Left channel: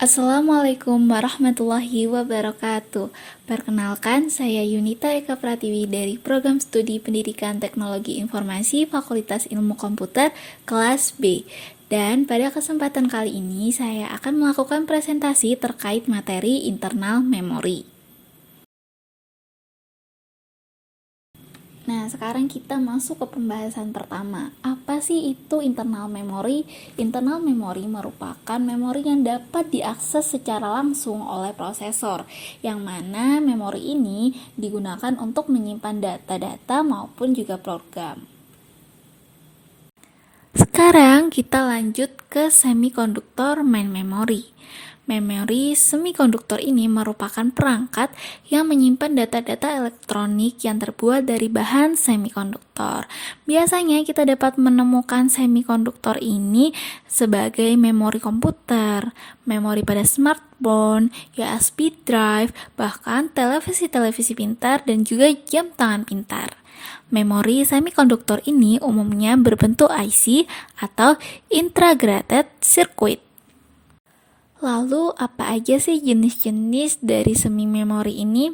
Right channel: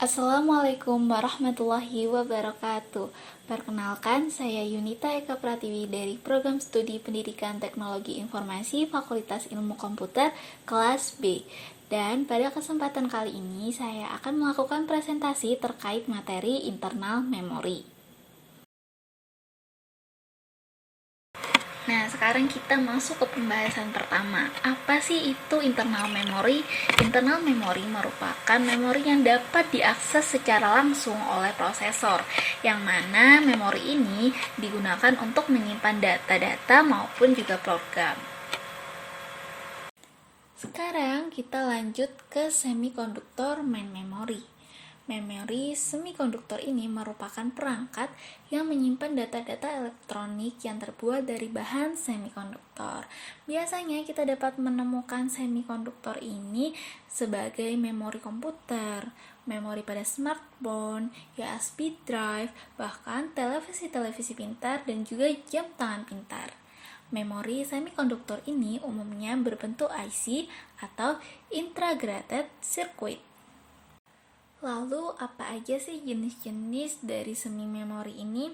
Assalamualaikum warahmatullahi wabarakatuh. Perkenalkan, saya Yunita Eka Pratiwi dari Program Studi Pendidikan Teknologi Informasi Fakultas Ilmu Komputer kelas B. Dan pada kesempatan kali ini saya akan melakukan presentasi terkait materi internal memori. Nah, sekarang kita masuk ke pembahasan pertama. Apa sih itu internal memory? Internal memory merupakan memori yang dapat diakses secara langsung oleh prosesor, yang mana memori ini digunakan untuk menyimpan data-data maupun juga program. Sekarang kita lanjut ke semikonduktor main memory. Memori semikonduktor ini merupakan perangkat yang menyimpan data-data elektronik yang terbuat dari bahan semikonduktor. Biasanya kita dapat menemukan semikonduktor ini sebagai memori komputer, memori pada smartphone, USB drive, bahkan televisi-televisi pintar dan juga jam tangan pintar. Memori semikonduktor ini umumnya berbentuk IC atau Integrated Circuit. Lalu apa aja sih jenis-jenis dari semi memori ini?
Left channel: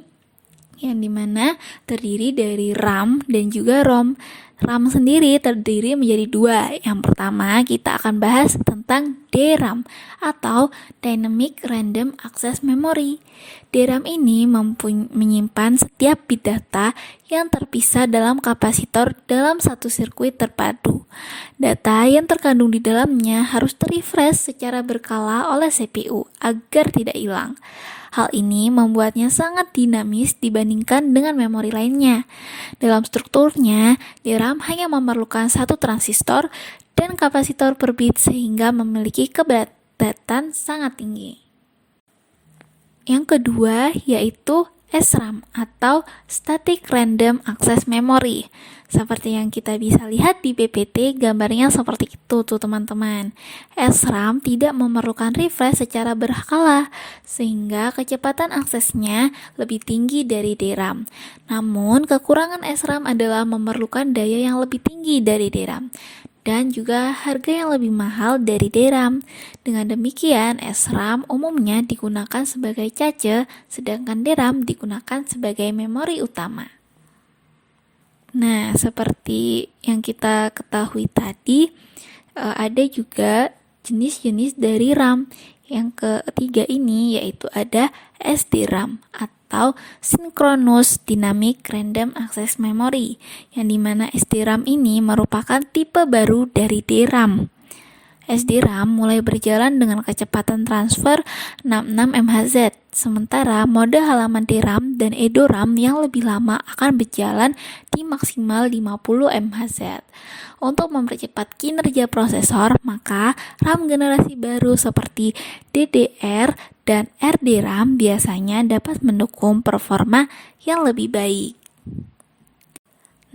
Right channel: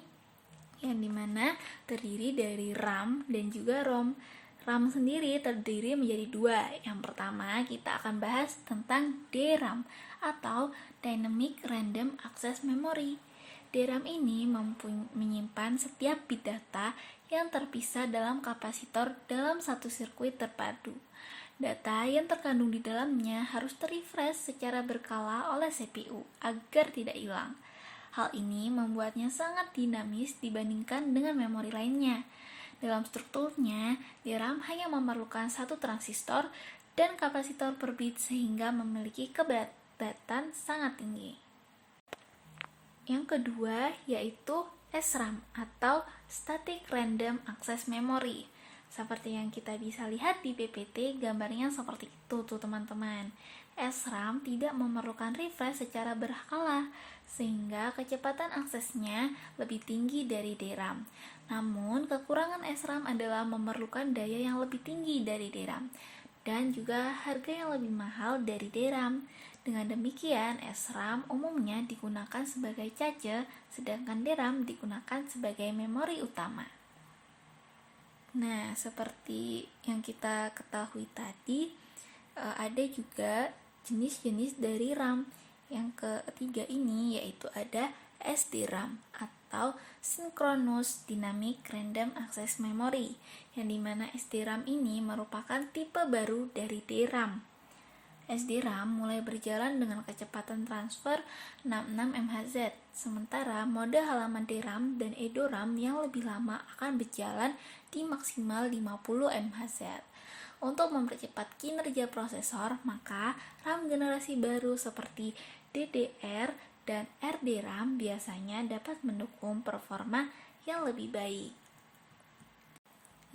Yang dimana terdiri dari RAM dan juga ROM. RAM sendiri terdiri menjadi dua. Yang pertama kita akan bahas tentang DRAM atau Dynamic Random Access Memory. DRAM ini menyimpan setiap bit data yang terpisah dalam kapasitor dalam satu sirkuit terpadu. Data yang terkandung di dalamnya harus terrefresh secara berkala oleh CPU agar tidak hilang. Hal ini membuatnya sangat dinamis dibandingkan dengan memori lainnya. Dalam strukturnya, DRAM hanya memerlukan satu transistor dan kapasitor per bit sehingga memiliki kepadatan sangat tinggi. Yang kedua yaitu SRAM atau Static Random Access Memory. Seperti yang kita bisa lihat di PPT, gambarnya seperti itu tuh teman-teman. SRAM tidak memerlukan refresh secara berkala, sehingga kecepatan aksesnya lebih tinggi dari DRAM. Namun, kekurangan SRAM adalah memerlukan daya yang lebih tinggi dari DRAM dan juga harga yang lebih mahal dari DRAM. Dengan demikian, SRAM umumnya digunakan sebagai cache, sedangkan DRAM digunakan sebagai memori utama. Nah, seperti yang kita ketahui tadi, ada juga jenis-jenis dari RAM. Yang ketiga ini yaitu ada SDRAM atau Synchronous Dynamic Random Access Memory, yang dimana SDRAM ini merupakan tipe baru dari DRAM. SDRAM mulai berjalan dengan kecepatan transfer 66 MHz, sementara mode halaman DRAM dan EDORAM yang lebih lama akan berjalan di maksimal 50 MHz. Untuk mempercepat kinerja prosesor, maka RAM generasi baru seperti DDR dan RDRAM biasanya dapat mendukung performa yang lebih baik.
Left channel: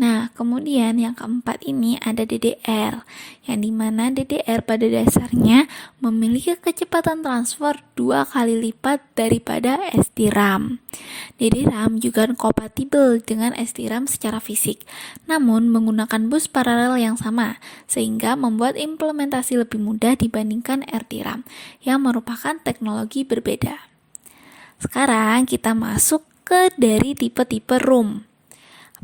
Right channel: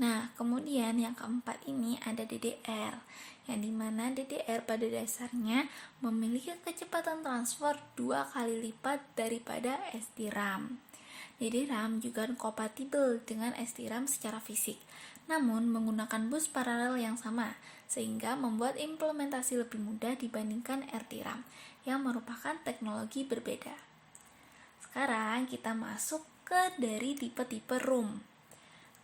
Nah, kemudian yang keempat ini ada DDR, yang dimana DDR pada dasarnya memiliki kecepatan transfer 2 kali lipat daripada SDRAM. DDRAM juga kompatibel dengan SDRAM secara fisik, namun menggunakan bus paralel yang sama, sehingga membuat implementasi lebih mudah dibandingkan RDRAM, yang merupakan teknologi berbeda. Sekarang kita masuk ke dari tipe-tipe ROM.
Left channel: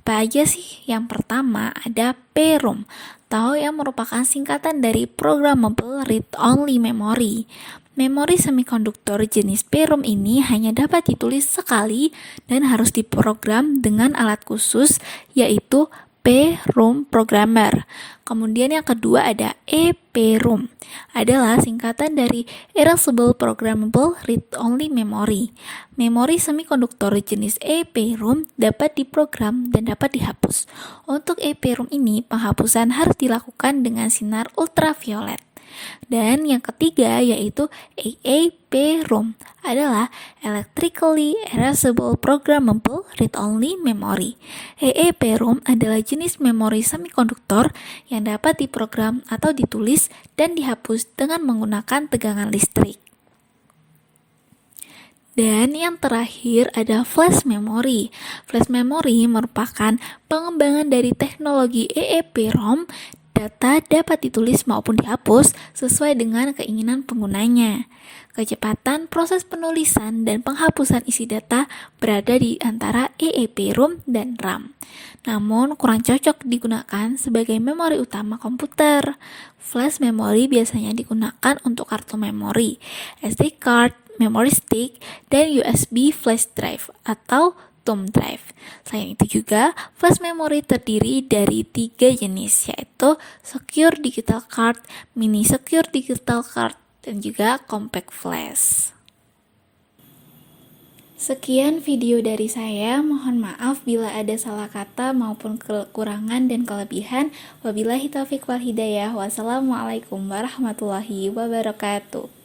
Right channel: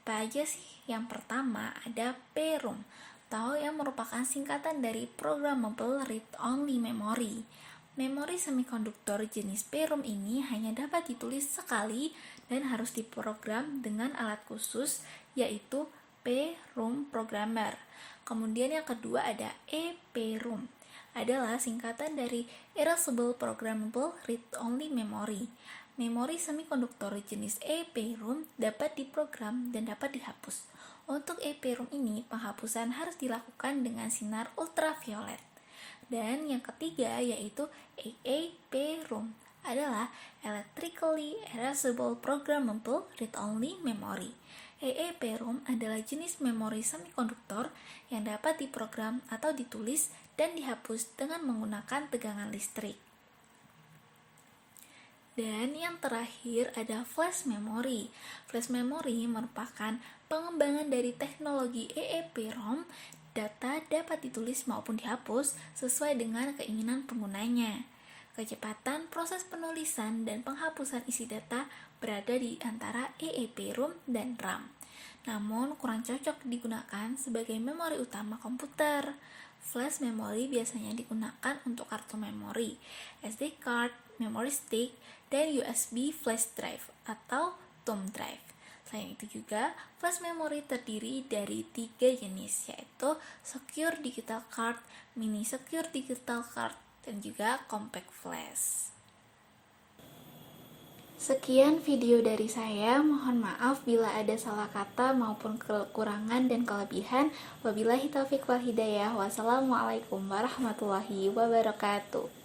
Apa aja sih? Yang pertama ada PROM, atau yang merupakan singkatan dari Programmable Read Only Memory. Memori semikonduktor jenis PROM ini hanya dapat ditulis sekali dan harus diprogram dengan alat khusus yaitu PROM Programmer. Kemudian yang kedua ada EPROM, adalah singkatan dari Erasable Programmable Read Only Memory. Memori semikonduktor jenis EPROM dapat diprogram dan dapat dihapus. Untuk EPROM ini, penghapusan harus dilakukan dengan sinar ultraviolet. Dan yang ketiga yaitu EEPROM, adalah Electrically Erasable Programmable Read-Only Memory. EEPROM adalah jenis memori semikonduktor yang dapat diprogram atau ditulis dan dihapus dengan menggunakan tegangan listrik. Dan yang terakhir ada flash memory. Flash memory merupakan pengembangan dari teknologi EEPROM. Data dapat ditulis maupun dihapus sesuai dengan keinginan penggunanya. Kecepatan proses penulisan dan penghapusan isi data berada di antara EEPROM dan RAM. Namun, kurang cocok digunakan sebagai memori utama komputer. Flash memory biasanya digunakan untuk kartu memori, SD card, memory stick, dan USB flash drive atau thumb drive. Selain itu juga, flash memory terdiri dari 3 jenis, yaitu Secure Digital Card, Mini Secure Digital Card, dan juga Compact Flash. Sekian video dari saya, mohon maaf bila ada salah kata maupun kekurangan dan kelebihan. Wabillahi taufiq wal hidayah. Wassalamualaikum warahmatullahi wabarakatuh.